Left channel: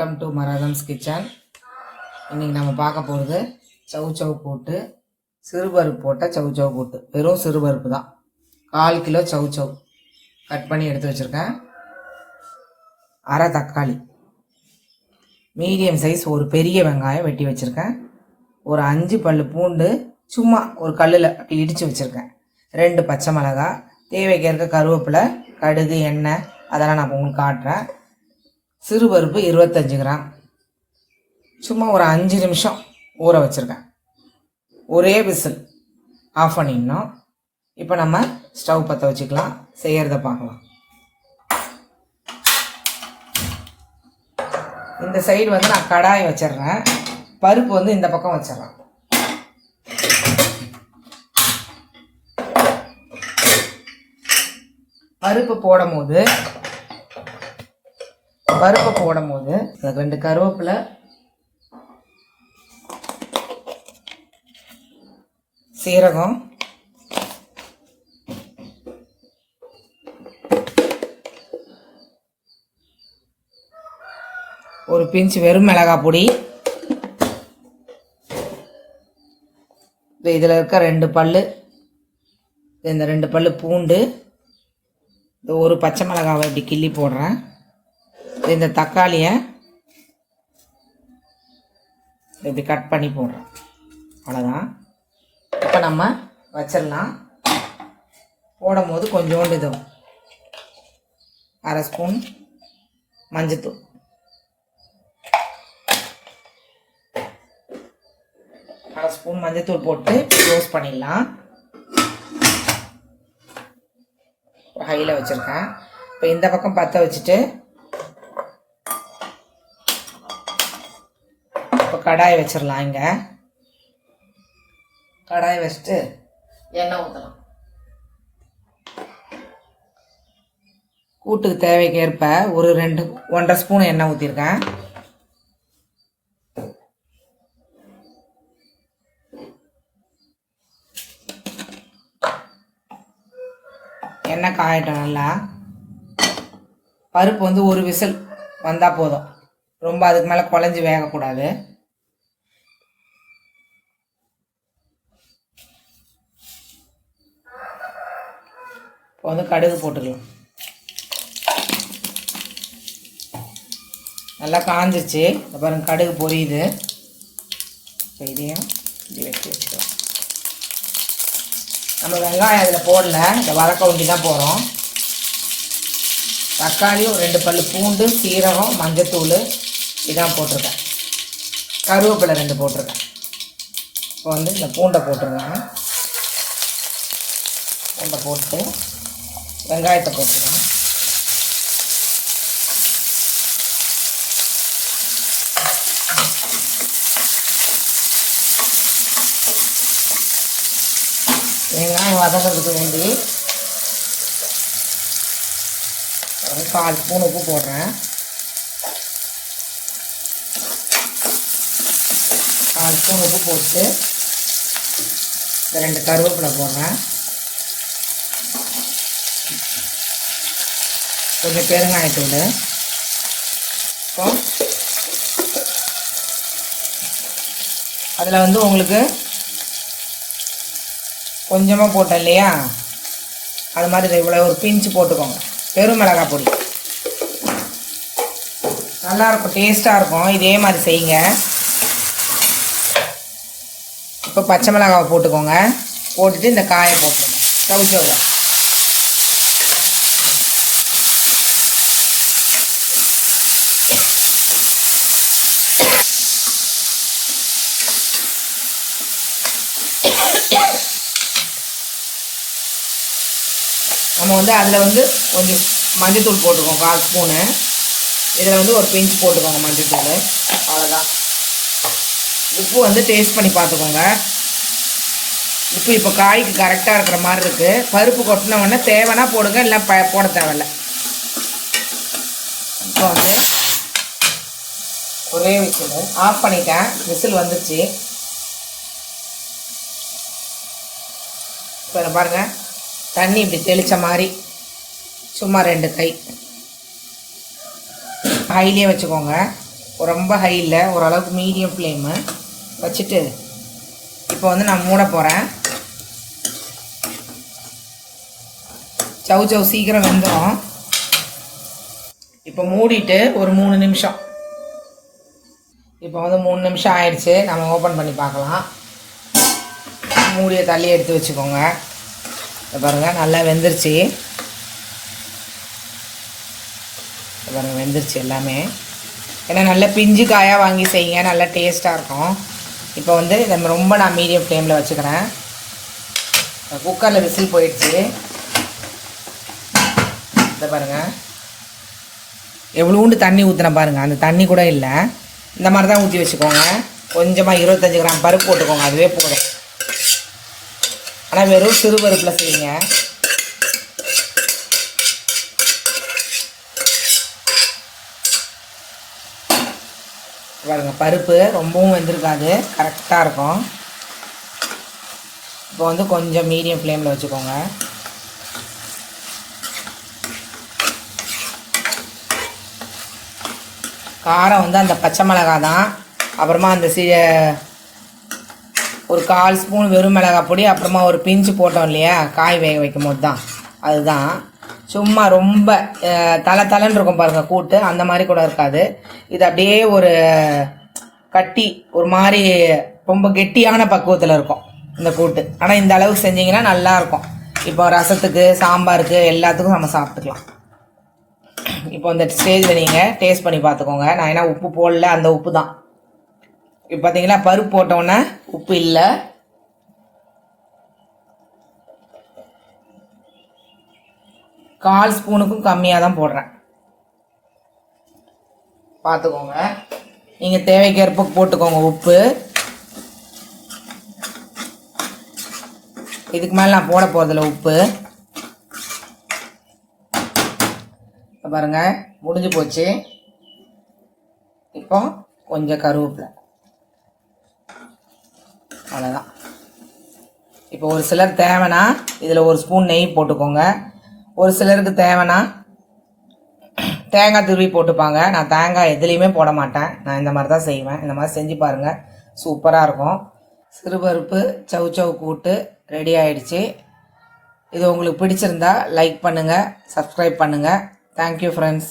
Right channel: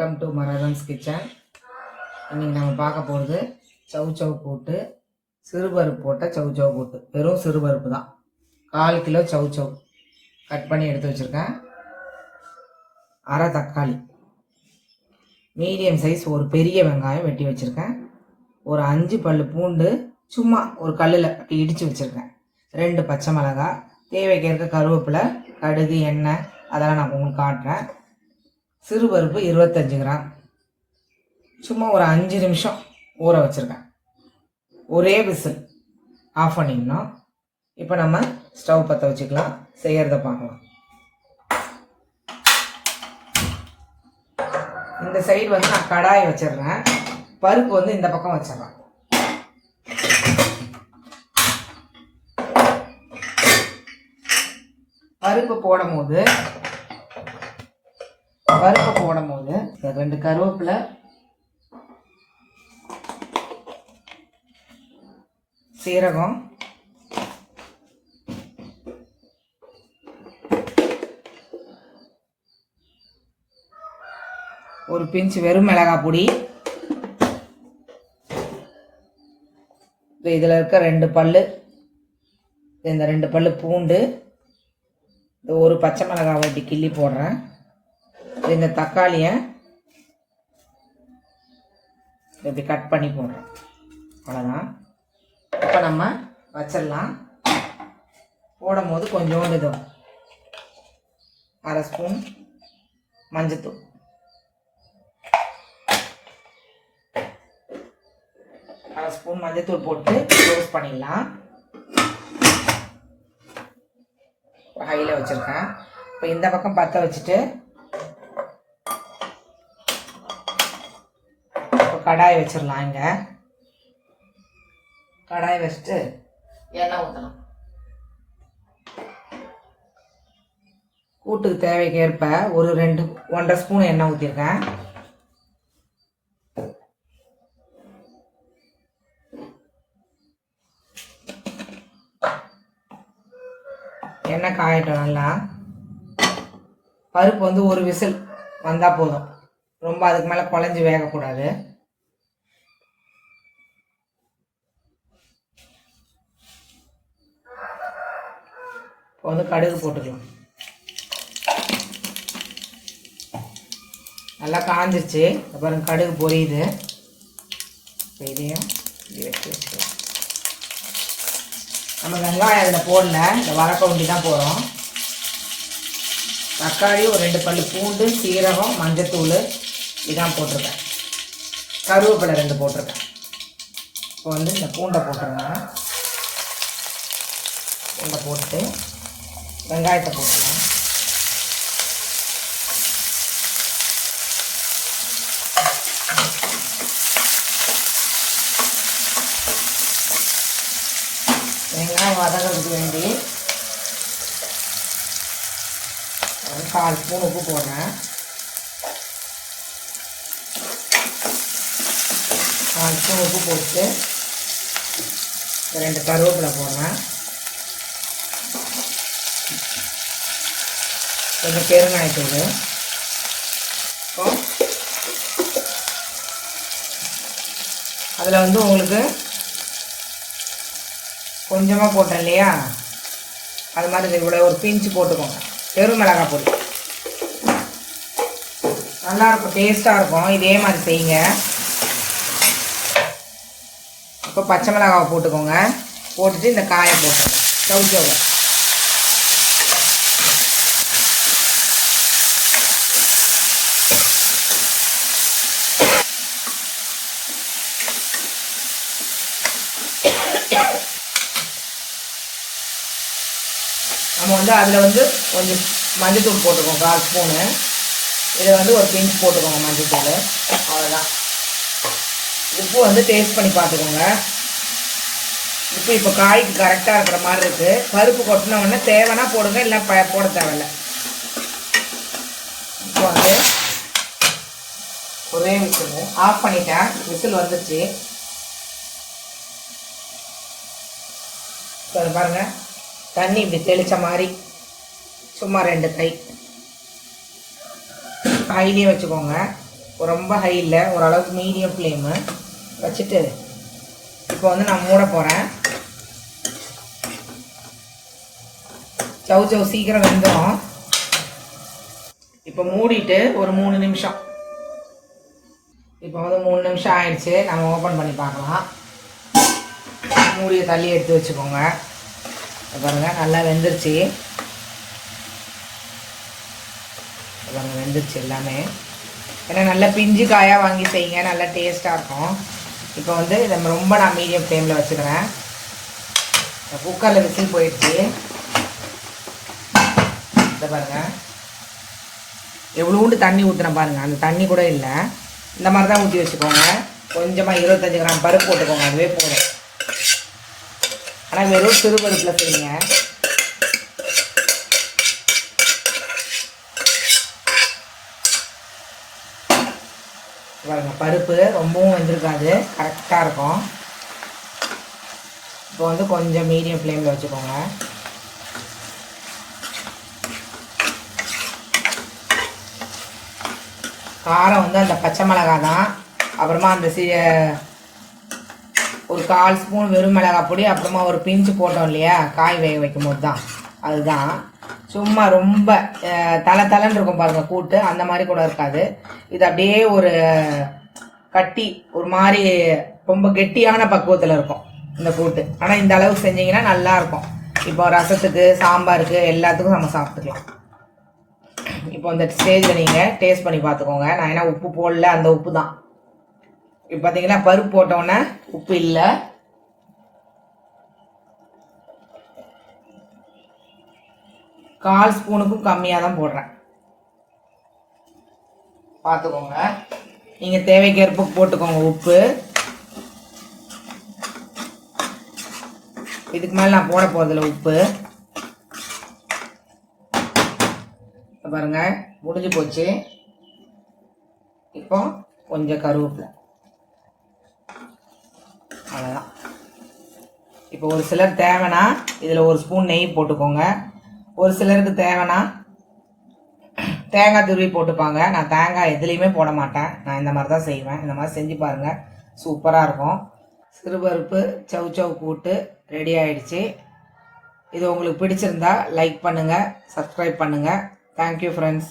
Welcome to மராதம்ஸ் kitchen. இன்றைக்கி நம்ம பார்க்க போகிறது சவு போட்டு சிறுபருப்பு போட்ட சவு போட்டு வெறும் சிறுபருப்பு தான். 1/4 கிலோ சவு கட் பண்ணி எடுத்து வச்சுருக்கேன். அரை தக்காளி, மீடியம் சைஸ் ஒரு பெரிய வெங்காயம் வெட்டி வச்சுருக்கேன். ஒரு 5 பல் பூண்டு சும்மா ஒரு கல்லில் அப்படி இடித்து வச்சுருக்கேன். 2 பச்சை மிளகாய், தேவைக்கு இருக்க கருவேப்பிலை, கடுகு, எண்ணெய் அதெல்லாம் நான் உங்களுக்கு காட்டுறேன். சிறுபருப்பு 25 கிராம், சும்மா ஒரு 5 நிமிஷம் ஊற வச்சுருக்கேன். ஒரே விசில் ஆஃப் பண்ணிக்கணும். இப்போ நம்ம ஸ்டவ் பற்ற வச்சுக்கலாம், செய்கிறத பார்க்கலாம். இந்த சைடு வந்து நான் கடாய் வச்சிடுறேன். பருப்பு வந்து இந்த பக்கம் வச்சிடறேன். பருப்பு போடும் போது 2 கருவேப்பிலை, சீரகம், ஒரு பிஞ்ச் வெறும் மிளகாய் பொடி, இதில் இருக்க 2 பல், இந்த 2 பல் பூண்டு, இந்த ஒரு பச்சை மிளகாவை இப்படி கிள்ளி போடுறேன். இந்த தக்காளியை இப்படி கட் பண்ணி போடுறேன். அவ்வளோதான். இப்போ நம்ம வச்சிடலாம். போடும் போது கொஞ்சோண்டு இது 1/2 ஸ்பூன் மஞ்சத்தூள், 1/2 ஸ்பூன் மஞ்சத்தூள் போட்டு யூஸ் பண்ணிடலாம். ஹையில் வச்சுருக்கேன். இப்போ இந்த பக்கம் பற்ற வச்சுட்டு இப்போ கடாய் வச்சிடலாம். இங்கே கடாய் வச்சுட்டு எண்ணெய் ஊற்றலாம். கூட்டுக்கு தேவைக்கு ஏற்ப ஒரு 1.5 ஸ்பூன் எண்ணெய் ஊற்றிருக்கேன். எண்ணெய் காயட்டும் நல்லா. பருப்பு வந்து ஒரு விசில் வந்தால் போதும், ரொம்ப அதுக்கு மேலே குழஞ்சி வேகக்கூடாது. இப்போ வந்து கடுகு போட்டுக்கலாம். நல்லா காஞ்சிச்சு. அப்புறம் கடுகு பொரியுது. இதையும் இப்படி வச்சு வச்சுக்கலாம். நம்ம வெங்காயம் அதில் போடல, இந்த வரக்க ஒண்டி தான் போகிறோம். தக்காளி, ஒரு 2 பல் பூண்டு, சீரகம், மஞ்சத்தூள் இதான் போட்டிருக்கேன். கருவேப்பிலை 2 போட்டிருக்கேன். இப்போ வந்து இந்த பூண்டை போட்டுருங்க. பூண்டை போட்டு வெங்காயத்தை போட்டுருங்க. வெங்காயம் வதங்கிறதுக்கு வேண்டி 1/4 ஸ்பூன் உப்பு போடுறேன். 1/4 ஸ்பூன் உப்பு போட்டு 2 கருவேப்பிலை போடுறேன். கொஞ்சம் பெருங்காயத்தூள். இப்போ அதில் வந்து உங்களுக்கு கொஞ்சமாக போட்டேன் இல்லையா, அது மாதிரி இவ்வளோ ஒரு பிஞ்சு போட்டுக்கோங்க. வெறும் மிளகாய் பொடி நல்லாயிருக்கும், டேஸ்ட்டாக இருக்கும். இதே மாதிரி செய்யுங்க. இப்போ பச்சை மிளகாவை போட்டுக்கோங்க. போட்டுட்டு இந்த காயை போட்டுருங்க. சவுச்சவில் நம்ம வந்து அதில் வந்து கொஞ்சம் மஞ்சத்தூள் போட்டுக்கோங்க, 1/4 ஸ்பூனு. இதில் வந்து ஒரு பிஞ்ச் போட்டுக்கோங்க மஞ்சத்தூள். அவ்வளோதான். உப்பு வந்து டேஸ்ட் பண்ணி பார்த்துக்கோங்க. உப்பு இப்போ காய்க்கு கரெக்டாக இருக்கிற மாதிரி இருக்குது. பருப்பு கொட்டின உடனே தேவைன்னா போடுங்க, இல்லை போட தேவையில்லை. இப்போ வந்து ஒரே விசில் ஆஃப் பண்ணிட்டேன். விசில் வந்துச்சு. இப்போ பாருங்கள், தண்ணி இப்படி தெளித்த மாதிரி சும்மா 2 கை ஹைலியே வச்சுக்கோங்க. ரொம்ப ஹை இல்லை, ஓரளவுக்கு மீடியம் ஃப்ளேமு வச்சுட்டு இப்போ வந்து நான் மூட போகிறேன். சவு சீக்கிரம் வெந்துடும். இப்போ மூடிட்டு ஒரு 3 நிமிஷம். இப்போ வந்து 3 நிமிஷம் ஆயிடுச்சு. நம்ம ஓப்பன் பண்ணி பார்க்கலாம். மூடியை தள்ளி எடுத்து வச்சுக்கோங்க. பாருங்கள் நல்லா வெந்துருச்சு. பாருங்கள் வெந்துருச்சு எல்லாமே. ஏன்னா நல்லா பிஞ்சு காயாக வாங்கி செய்யுங்க, நல்லா டேஸ்ட்டாக இருக்கும். இப்போ வந்து ரொம்ப நான் மீடியம் ஃப்ளேமில் வச்சுக்கிறேன். குக்கரில் விசில் போயிடுச்சு. இதை பாருங்கள் எவ்வளோண்டு தண்ணி ஊற்றுன பாருங்கள், அந்த தண்ணி கூட இல்லை. இந்த மாதிரி தான் ஊற்றி வச்சுக்கோங்க. கொஞ்சமாக 25 கிராம் பருப்பு போட்டுக்கோங்க, அதுவே போதும். ஆனால் வெறும் சிறு பருப்பில் செய்யுங்க. பாருங்கள் பருப்பு ரொம்பவும் வெந்திருக்காது, கரெக்டாக இருக்கும். இப்போ வந்து கொஞ்சம் மீடியம் ஃப்ளேமில் வச்சுக்கோங்க. காரம் வந்து அந்த பச்சை மிளகாய் தான். அப்புறமா அந்த ஒரு 1/4 ஸ்பூன் வெறும் மிளகாய் பொடி, அப்புறமா ஒரு பிஞ்சு போட்டோம் இல்லையா காய் வேக வைக்கும் போது தான், அதுதான். சும்மா ரொம்ப தலை இருக்கும் பாருங்கள் கூட்டு, அந்த மாதிரி கூட இருக்காது. இது அப்படியே ஒரு கட்டி ஒரு மாதிரி ரொம்ப கெட்டியான பக்குவத்தில் இருக்கும் இந்த கூட்டு. ஆனால் இந்த அளவுக்கு செஞ்சிங்கன்னா நல்லாயிருக்கும். இப்போ ரசத்துக்கு, சாம்பாருக்கு, எல்லாத்துக்கும் நம்ம சாப்பிட்டுக்கலாம். இப்போ இந்த ஸ்டேஜில் நீங்கள் டேஸ்ட் பண்ணி பார்த்துக்கோங்க. நான் ஏன்னா உப்பு போடல, அந்த உப்பு தான். இப்போ பார்த்தீங்கன்னா பருப்பு போட்டோன்னே உப்பு இல்லை. கால் ஸ்பூனுக்கும் கம்மியாக தான் போடுறேன், பார்த்துக்கோங்க. நீங்கள் தேவைக்கேற்ப போட்டுக்கோங்க உப்பு. இதுக்கு மேலே நான் போட போகிறதில்ல உப்பு. பாருங்கள் முடிஞ்சு போச்சு. இப்போ கொஞ்சம் கருவேப்பிலை, அவ்வளோதான். இப்போ ஒரு சிலர் தேவைன்னா இதில் 1 ஸ்பூன் நெய் போட்டுக்கோங்க. ஒரு சிலருக்கு தேவைன்னா தேங்காய் துருவி போட்டுப்பாங்க. நான் தேங்காய் எதுலேயுமே போட மாட்டேன், நான் இந்த மாதிரி தான் செய்வேன். இந்த மாதிரி செஞ்சு பாருங்கள், சூப்பராக இருக்கும். சிறுபருப்பு சவு கூட்டு ரெடி ஆயிடுச்சு. இது உங்களுக்கு பிடிச்சிருந்தா லைக் பண்ணுங்கள், சப்ஸ்கிரைப் பண்ணுங்கள். Thank you friends.